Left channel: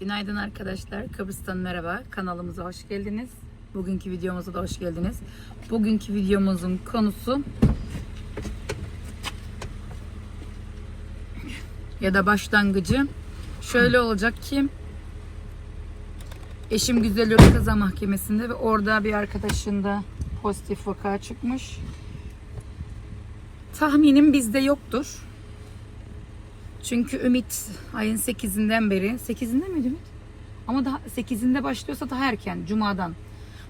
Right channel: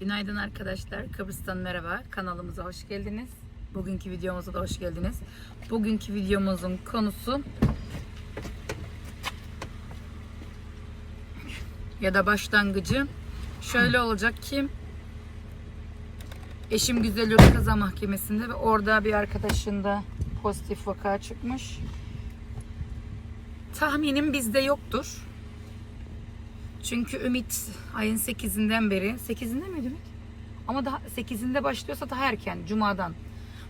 Günaydın arkadaşlar. Kıbrıs'tan merhaba. Kanalımıza hoş geldiniz. Bugünkü videomuza da hoş geldiniz. Bugünkü videomuzun konusu ya da başlangıcı şöyle olacak ki eşim Güzel Yurt Kaza Mahkemesi'nde ve orada bir arkadaşında pozitif vaka çıkmış. Tahminim bizde yoktur. Çünkü Ümit ayın 8'inden beri 8'inde miydi Ümit? Ama daha 8'inde başlıyorsa daha erken Cuma'dan.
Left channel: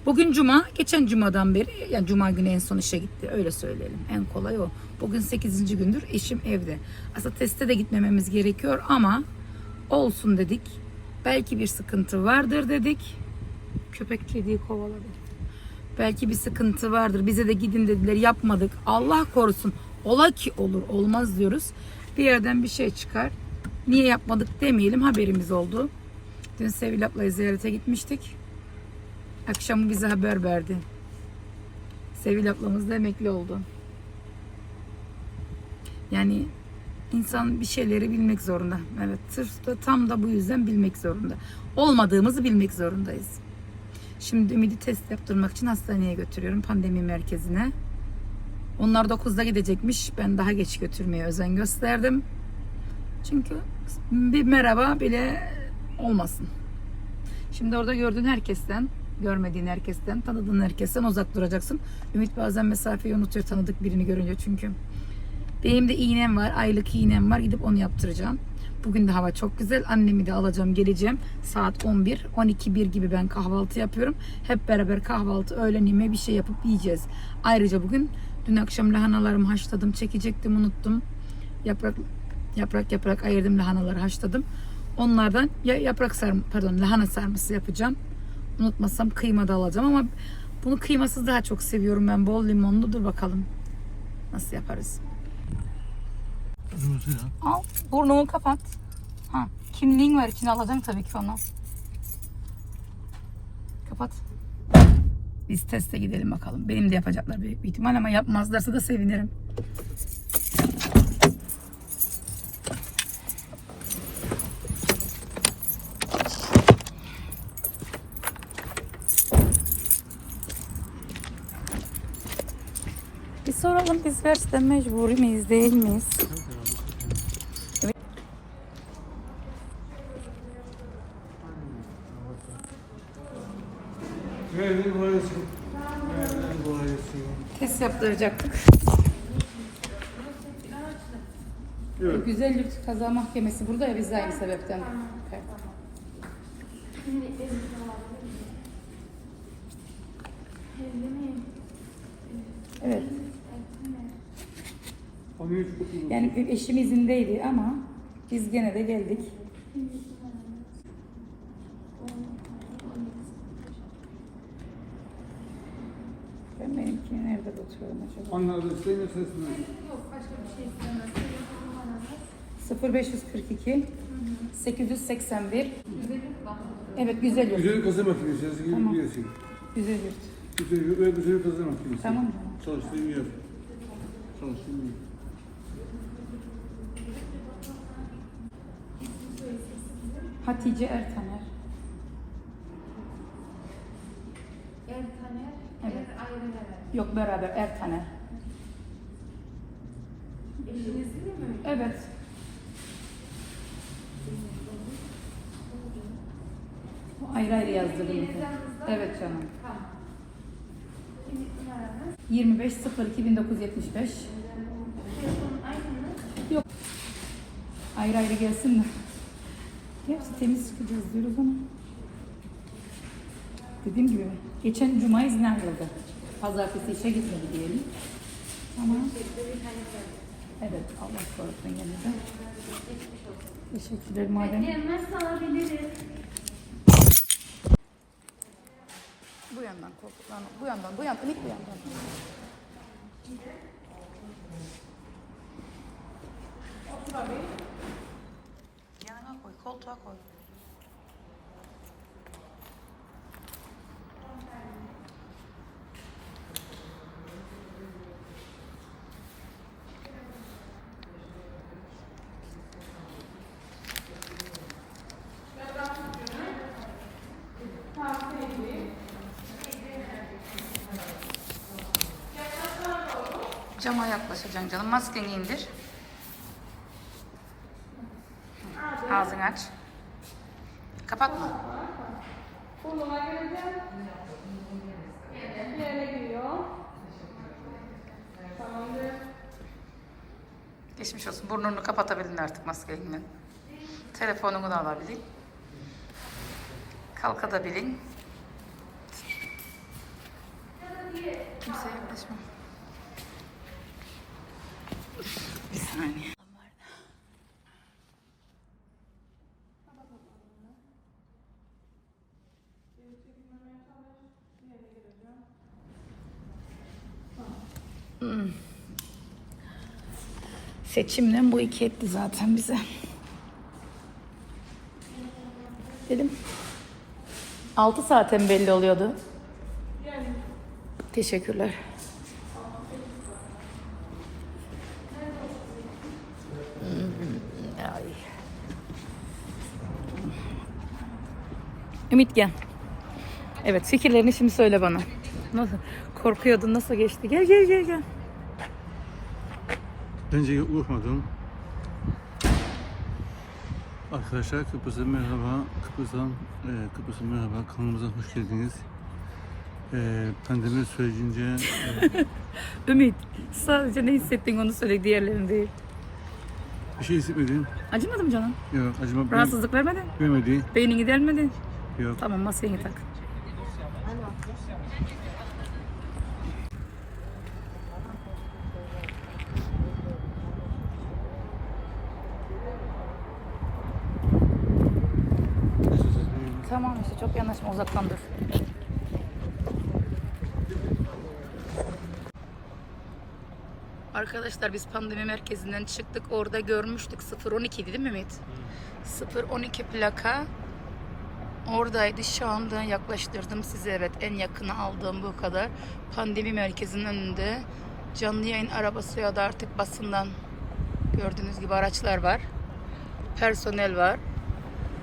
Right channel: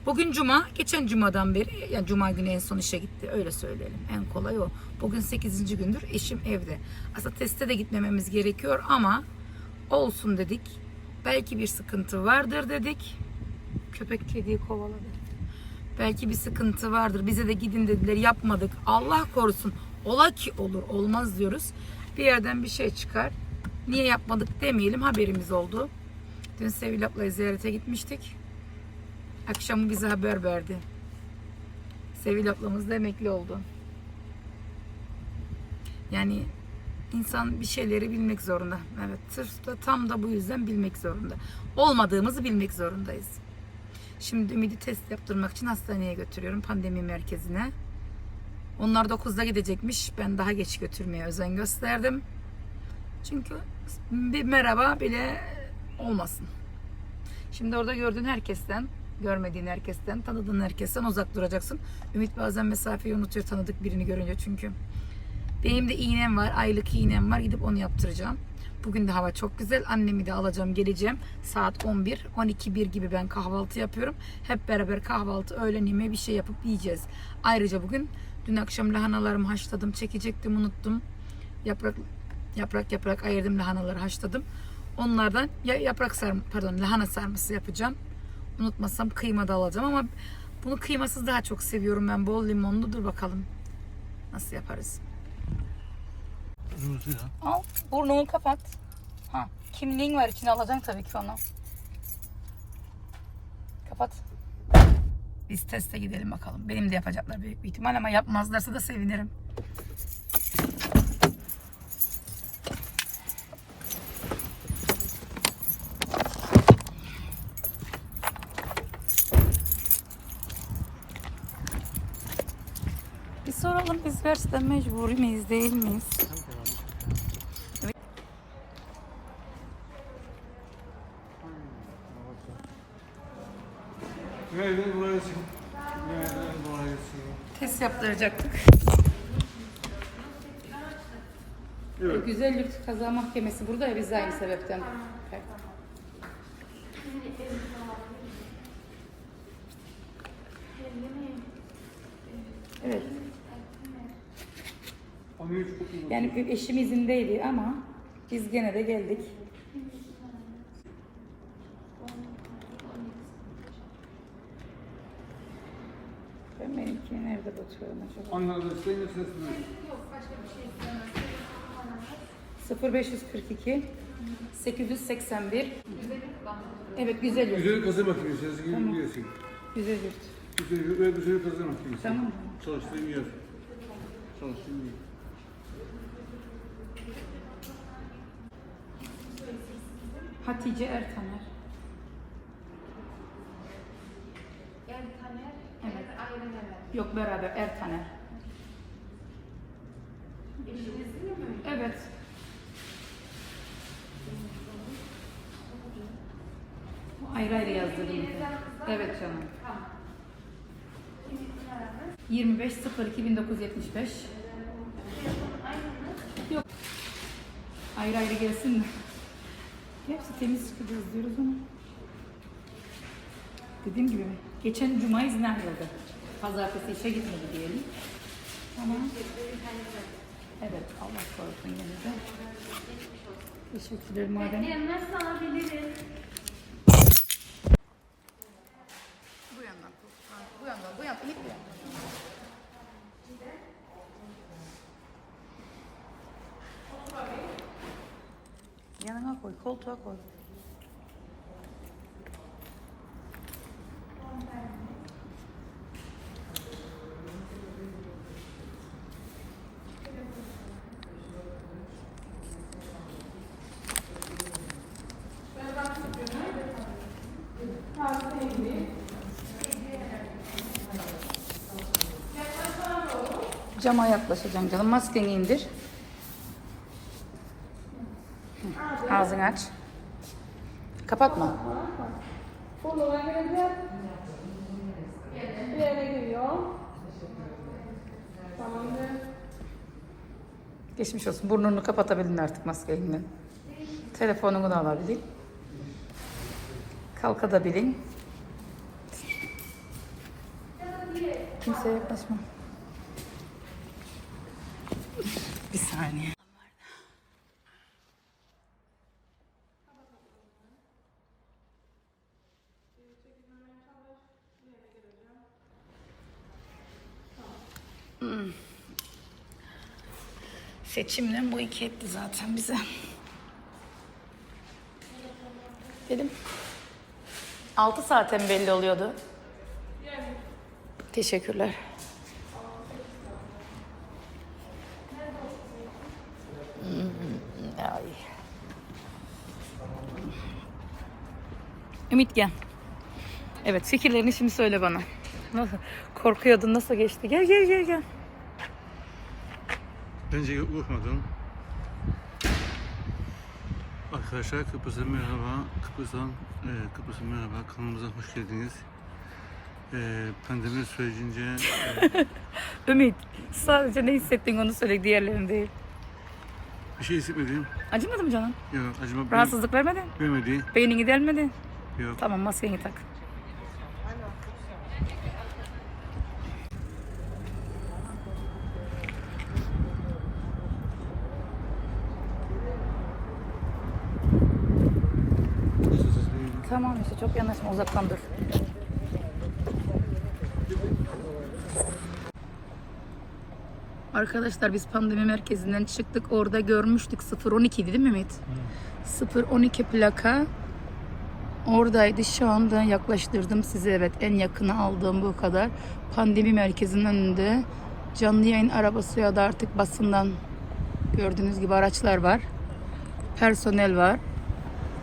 Bugün Cuma, geçen Cuma'dan beri yani Cuma günü en son işe gitti. Öyle söyleyelim. En kolay o. Bugün 8. gündür eşim evde. Aslında teste de gitmememiz gerekiyor ama olsun dedik. Belki bir sıkıntı vardır dedik. Köpek kediyi kovaladı. Belki bir sıkıntı vardır. Bize de gidin dediler yapmadık. Allah korusun. Ola ki olur olmaz diyoruz. Bir yerden bir şey çıkar. Niye yapmadık demeyelim haberimiz oldu. Dün Sevil ablayı ziyarete gitmiştik. Akşam bize haber verdi. Sevil ablamız da emekli oldu. Yani insan bir şeyleri bilmek zorunda. Evet sırf da tam da bu yüzden bilmek zorunda. Olmadığımızı bilmek zorundayız. Şimdi Ümidi test yaptırmak için hastaneye götürüyorum pandemi merkezine. Onlar 9'da gidecekmiş. Ben daha geç götürmeye özen gösterdim. Çünkü bir merhaba bile olmasın. Şimdi orada gördüğün herkesten, görmediğin herkesten, tanıdığın herkesten uzak duracaksın. Ümit bazen mesafeyi unutuyor tanıdık birini görünce çünkü. Benim de iğnem var, aylık iğnem var. Gidip onu yaptıracağım. Bugün de hava çok güzel. Annemi de alacağım, geleceğim. Saat 11, 12, 1 gibi ben kahvaltı yapıyorum. Hep beraber kahvaltı, öğlen yemeği bir şey yapıp yiyeceğiz. Ayrıca bugün dün akşam lahanalarımı haşladım, çekecektim, unuttum. Yaprak yaprak yaprak ayırdım lahanaları haşladım. Onlardan ya yaprak sarma, pardon lahana sarması yapacağım. Unutmasam kıyma da alacağım ama bunu kıymasız daha çok seviyorum ben. Bol limonlu. Dur bakalım nasıl yaparız. Al burnunu kapat. Ha, kimliğin var içine alacaksın tabii ki onu. Kapat. Biz teste gidelim bakalım. Benim de yapacaklar büyük bir ihtimal ama yapmazlarsa da sevinirim. Bir soralım biz gerçekten mecbur miyiz değil miyiz? Gel gel buraya sil. Gel gel buraya sil. Test yaptıracaktık. Evet. Güzel Yurt Kaza Mahkemesi burada ya biz de aynı sebepten. Evet. Yani eşim izindeydi ama biz gene de geldik. Ben benimkini nerede bakıyorum acaba? Anladım. Senin sesini. 0542 881 Evet güzel yurt. Güzel kazı makinesi. Sesi gibi biliyorsun. Güzel yurt. Güzel, ve güzel kazı makinesi. Tamam. Çalıştığın yer. Çalıştığın yer. Hatice Ertaner. Ertaner, Evet. Yok beraber değil mi? Evet. Bu ayrı ayrı yazdırdım. Evet canım. 25 02 1975. Yok. Ayrı ayrı gelsin mi? Hepsi temiz çıkacağız diyoruz ama. Dediğim gibi geçen cuma izne ayrıldı. Pazartesi işe gitmedi diyelim. Ama evet Allah korusun yine de. Teşekkürler madem. Nasıl alabiliriz? Bu yandan koltuktan, bu yandan, bu yandan, ilk bu yandan. Yanına koy, koltuğa koy. Cama yaklaşacaksın canım. Maskeni indir. Ağzını aç. Kapatma. Geçmiş olsun. Burnunu kapatabilin artık maskeyle. Telefonunu da alabilin. Kalkabilin. Kimseye yaklaşma. Bir saniye. Hmm. Seçimle bu iki etti zaten bize. Dedim. 6 saaten belli oluyordu. Teşekkürler. Hmm, Ay. Ümit gel. Evet fikirlerini şimdi söyle bana. Nasıl? Korkuyordun nasıl geçti? Gel gel gel gel. Bence korkmadım. Arkadaşlar Kıbrıs'a merhaba. Kıbrıs'tan, e, Kıbrıs'a merhaba. Kanalımıza hoş geldiniz. E, pandemi sürecince e, Ümit sadece ne hissettin onu söyle diğerlerini değil. bir şey hissetmedim. Acımadı mı canım? Yok acıma Rahatsızlık vermedi? vermedi. Beynini delmedi? Yok. Tamam maskeni tak. Tamam işte çok yanaşma uzaktan dur. Arkadaşlar biz pandemi merkezinden çıktık. Orada görmüştük 012 değil mi Ümit? 012 plaka Oradaydı. Şu anda yaklaştırdım size. Evet en yakını aldığım bu kadar. Pandemi merkezinin önünde canlı yayın arabası ya da artık basından gördüğünüz gibi araçlar var. Personel var.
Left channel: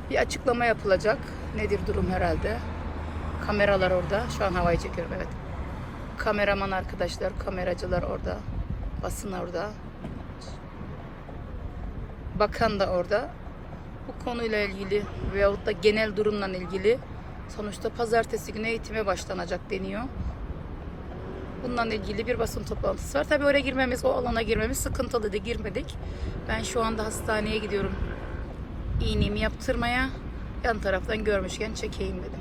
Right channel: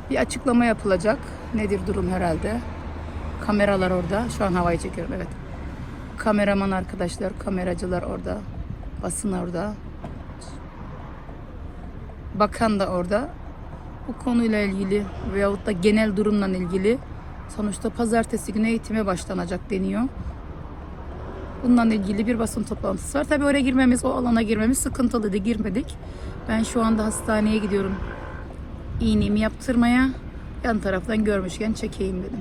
Bir açıklama yapılacak. Nedir durum herhalde. Kameralar orada. Şu an havayı çekiyorum evet. Kameraman arkadaşlar, kameracılar orada. Basın orada. Bakan da orada bu konuyla ilgili veyahut da genel durumla ilgili sonuçta pazartesi günü eğitime başlanacak deniyor. Bununla ilgili bir basın toplantısı var. Tabii oraya girmemiz, o alana girmemiz sıkıntılıydı. Girmedik. Ben şu anda hastaneye gidiyorum. İğnemi yaptırmaya. Yan taraftan görmüşken çekeyim dedim.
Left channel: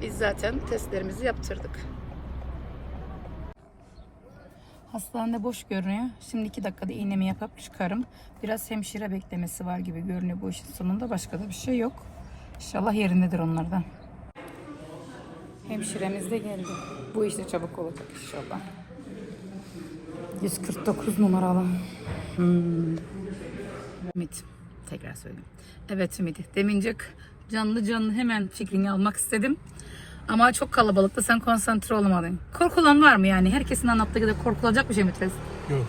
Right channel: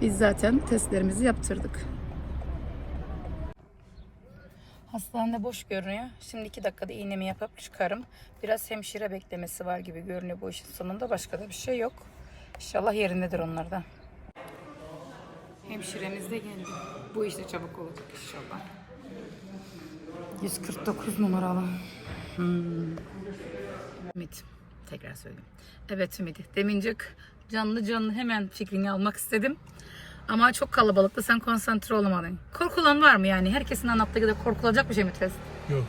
Biz zaten testlerimizi yaptırdık. Hastanede boş görünüyor. Şimdi iki dakikada iğnemi yapıp çıkarım. Biraz hemşire beklemesi var gibi görünüyor bu işin sonunda. Başka da bir şey yok. İnşallah yerindedir onlardan. Hemşiremiz de geldi. Bu işte çabuk olacak inşallah. 149 numaralı. Hmm. Ümit. Tekrar söyleyeyim. Evet Ümit. Demincek canlı canlı hemen fikrini almak istedim. Ama çok kalabalıkta sen konsantre olamadın. Korkulan var mı yani? Herkesin anlattığı gibi korkulacak bir şey mi test? Yok.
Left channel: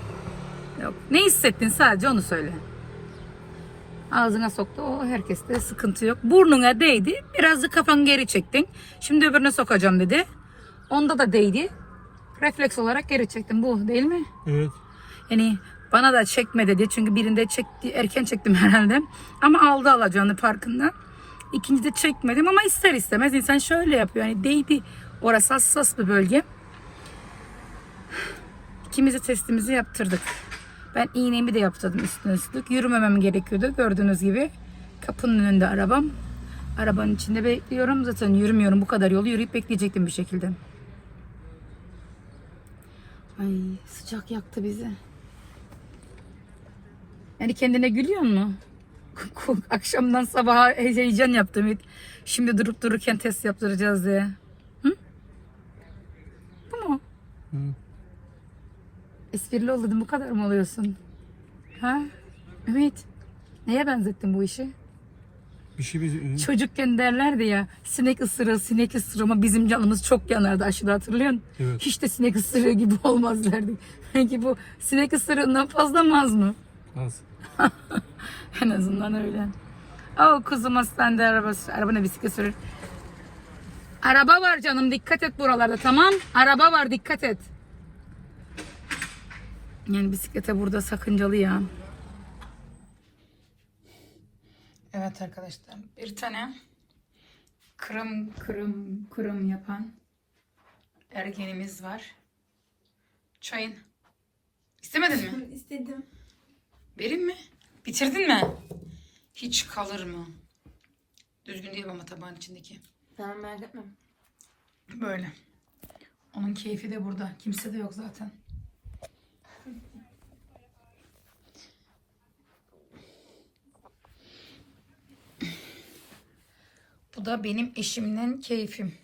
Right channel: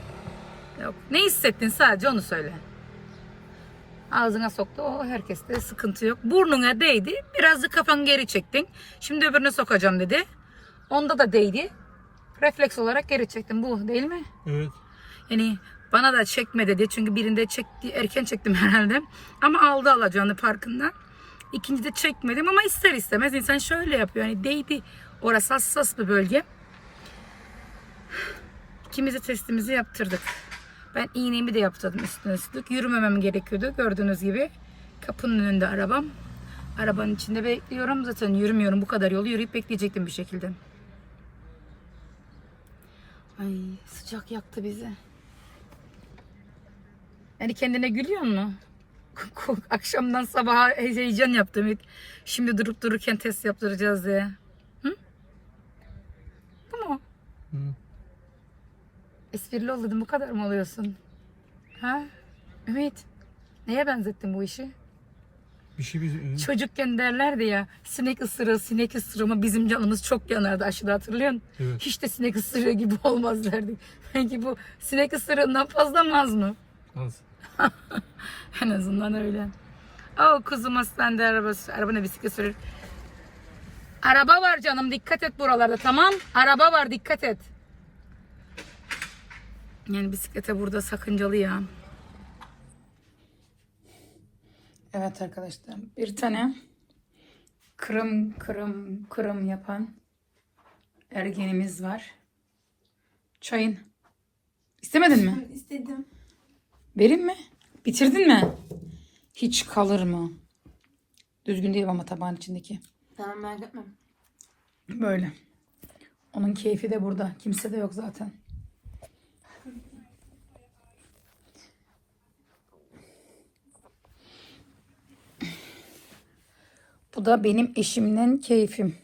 Yok. Ne hissettin sadece onu söyle. Ağzına soktu. O herkeste sıkıntı yok. Burnuna değdi. Biraz da kafanı geri çektin. Şimdi öbürüne sokacağım dedi. Onda da değdi. Refleks olarak geri çektim. Bu değil mi? Evet. Yani bana da çekme dedi. Çünkü birinde çekti, erken çektim herhalde. Ama aldı alacağını farkında. İkincide çekmedim ama ister istemez insan şöyle yapıyor. Yani değdi. Orası hassas bir bölge. İkimiz de testimizi yaptırdık. Ben iğnemi de yaptırdım üstüne üstlük. Yürümemem gerekiyordu. Gördüğünüz gibi kapının önünde arabam. Arabanın içinde bekliyorum. Zaten yürümüyorum. Bu kadar yolu yürüyüp bekleyecektim bir şekilde. Ay sıcak yaktı bizi. Yani kendine gülüyor mu? Akşamdan sabaha heyecan yaptım. Şimdi durup dururken test yaptıracağız diye. Hı? Bu mu? Hı. Esprili ol dedim bu kadar mı oluyorsun? Ha? Ümit. Neye benzettin bu işi? Bir şey bir... Çocukken derlerdi ya sinek ısırığı sinek ısırığı ama bizim canımız çok yanardı aşıda hatırlıyorsun. Evet. Hiç de sinek ısırığı gibi olmaz derdik. Peki bu sinek ısırığından fazla mı az mı? Az. En azından öyle. O kuzum hastanede arabası, arabana bisiklet sürür. Araba var canım dikkat et buralarda tamam. Araba var dikkat et. Yani bisiklete burada sakıncalı ya. Evet arkadaşlar bir tane kırım kırım kırım yapan ergenimiz var. Çayın. İstemedin mi? İstedim. Vereyim mi? Bitirdin mi? Hiç kalır mı? Düzgün değil ama tabağın içindeki. Tamam merak etme. Böyle. Onun keyfi de burada. Kimse de yok zaten. Bu da benim eşimden keyfim.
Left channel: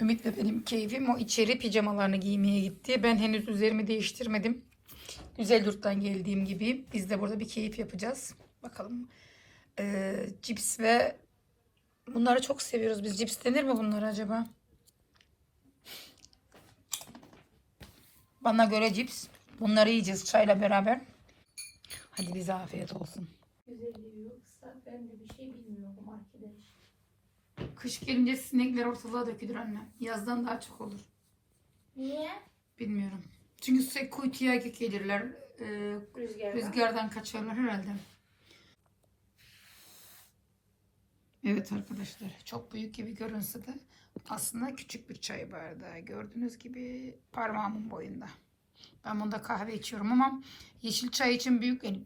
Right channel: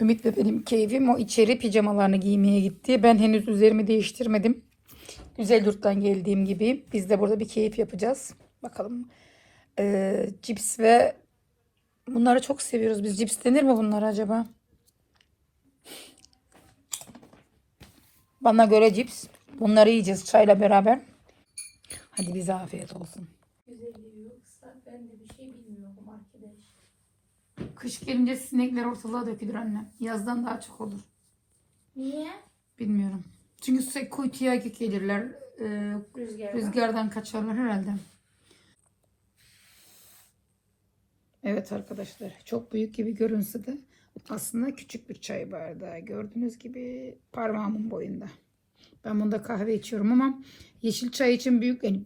Ümit ve benim keyfim o içeri pijamalarını giymeye gitti. Ben henüz üzerimi değiştirmedim. Güzel yurttan geldiğim gibi biz de burada bir keyif yapacağız. Bakalım. Ee, cips ve bunları çok seviyoruz biz. Cips denir mi bunlara acaba? Bana göre cips. Bunları yiyeceğiz çayla beraber. Hadi bize afiyet olsun. Güzelliği yoksa ben de bir şey bilmiyorum arkadaş. Kış gelince sinekler ortalığa dökülür anne. Yazdan daha çok olur. Niye? Bilmiyorum. Çünkü sürekli kuytuya gelirler. Ee, Rüzgar. rüzgardan kaçarlar herhalde. Evet arkadaşlar. Çok büyük gibi görünse de aslında küçük bir çay bardağı. Gördüğünüz gibi parmağımın boyunda. Ben bunda kahve içiyorum ama yeşil çay için büyük yani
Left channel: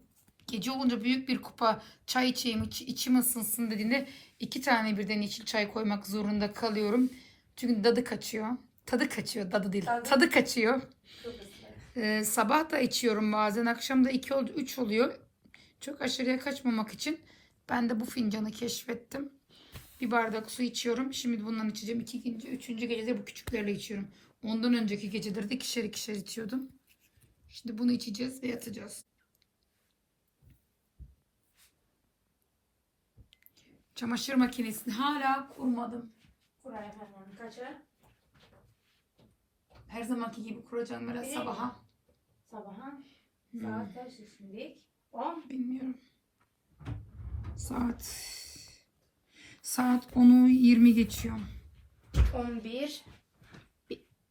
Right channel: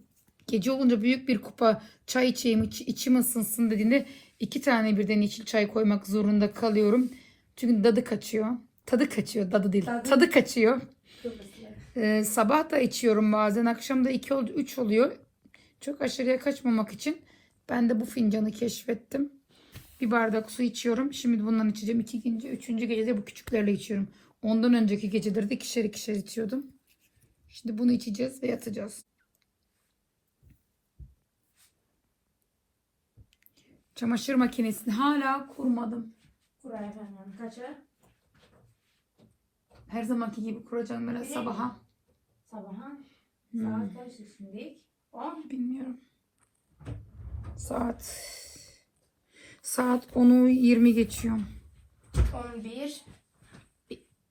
gece olunca büyük bir kupa çay içeyim iç- içim ısınsın dediğinde iki tane birden yeşil çay koymak zorunda kalıyorum. Çünkü tadı kaçıyor. Tadı kaçıyor. Tadı değil. Tadı- Tadı kaçıyor. Ee, sabah da içiyorum bazen. Akşam da 2 oldu 3 oluyor. Çok aşırıya kaçmamak için ben de bu fincanı keşfettim. Bir bardak su içiyorum. Şimdi bundan içeceğim. İki gece, üçüncü gecede bu küçüklerle içiyorum. Ondan önceki geceleri de ikişer ikişer içiyordum. Şimdi bunu içeceğiz ve yatacağız. Çamaşır makinesini hala kurmadım. Buraya efendim. Kaça? Her zamanki gibi kuracağım böyle sabaha. Sabaha. Hmm. Saat kaç şimdi? On. Bilmiyorum. Saat saat 10'u 20 geçiyor. 11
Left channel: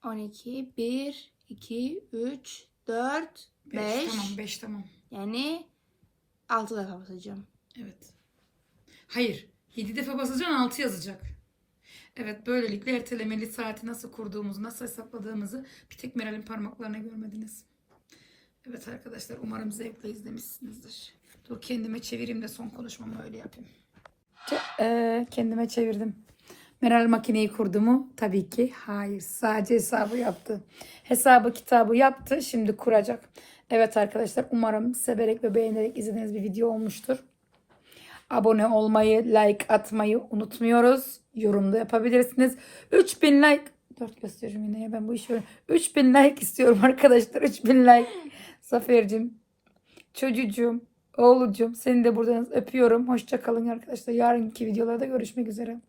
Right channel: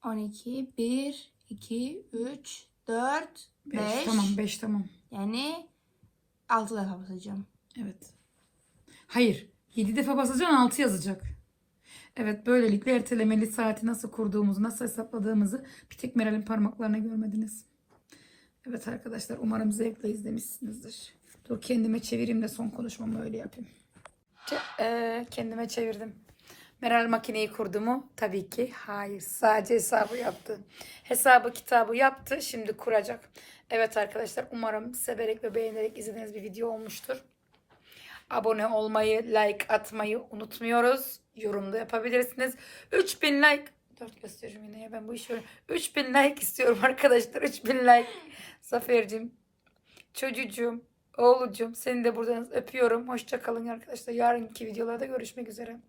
12 1 2 3 4 5 5 tamam 5 tamam. Yani 6 defa basacağım. Evet. Hayır. 7 defa basacaksın 6 yazacak. Evet böylelikle ertelemeli saati nasıl kurduğumuzu, nasıl hesapladığımızı bir tek Meral'in parmaklarına görmediniz. Evet arkadaşlar umarım zevkle izlemişsinizdir. Dur kendime çevireyim de son konuşmamı öyle yapayım. Ee, kendime çevirdim. Meral makineyi kurdu mu? Tabii ki hayır. Sadece hesabı yaptı. Hesabı kitabı yaptı. Şimdi kuracak. Evet arkadaşlar umarım severek ve beğenerek izlediğiniz bir video olmuştur. Abone olmayı, like atmayı unutmuyoruz. Yorum da yapabilirsiniz. 3000 like. 4 gösteriyorum yine ya ben bu işi öyle. 3000 like istiyorum arkadaşlar. 3000 like. Zafer'cim, çocuğum, oğlucum seni de buradan öpüyorum. Hoşça kalın arkadaşlar. Yarınki videolarda görüşmek üzere.